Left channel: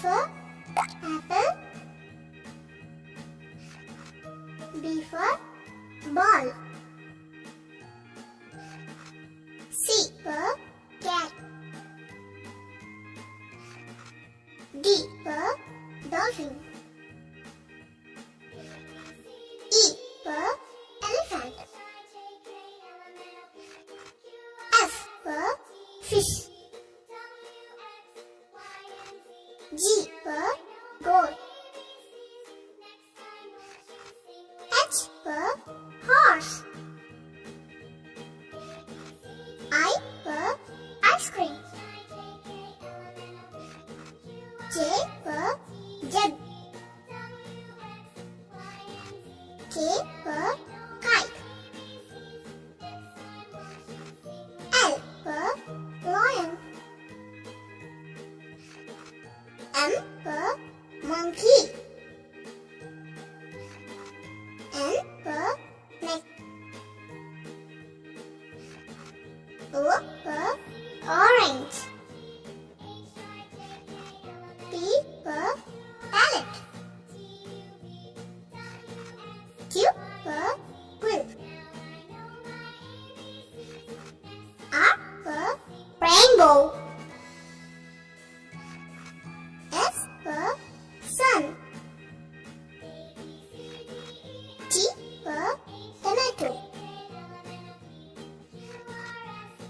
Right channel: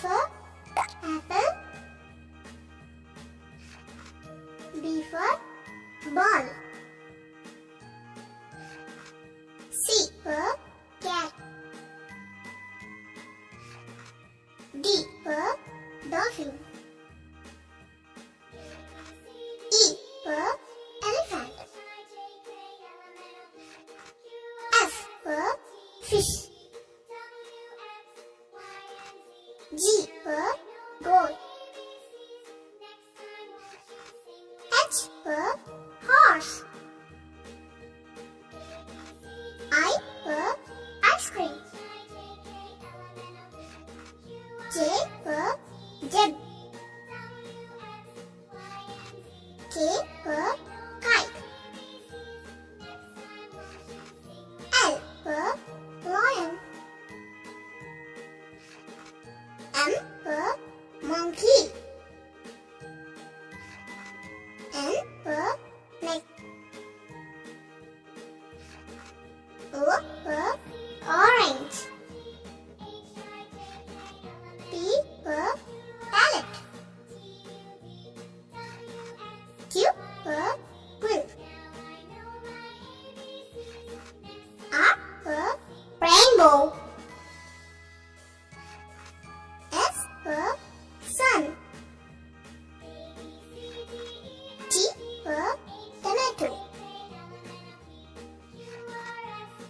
for apple. B for ball. C for cat. D for dolphin. E for elephant. F for fish. G for goat. H for horse. I for ice cream. J for jug. K for kite. L for lion. M for monkey. N for neck. O for orange. P for parrot. Q for quill. R for rainbow. S for sun. T for tomato.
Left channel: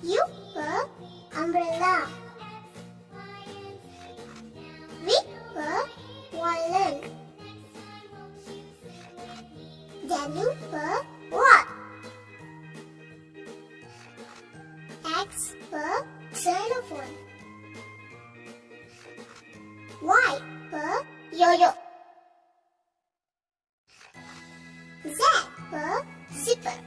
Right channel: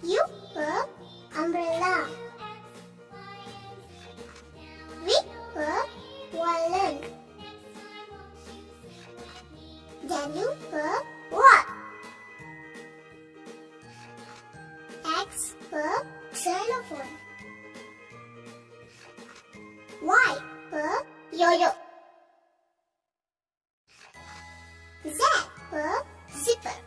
U for umbrella. V for violin. W for what? X for xylophone. Y for yo-yo. Z for zipper.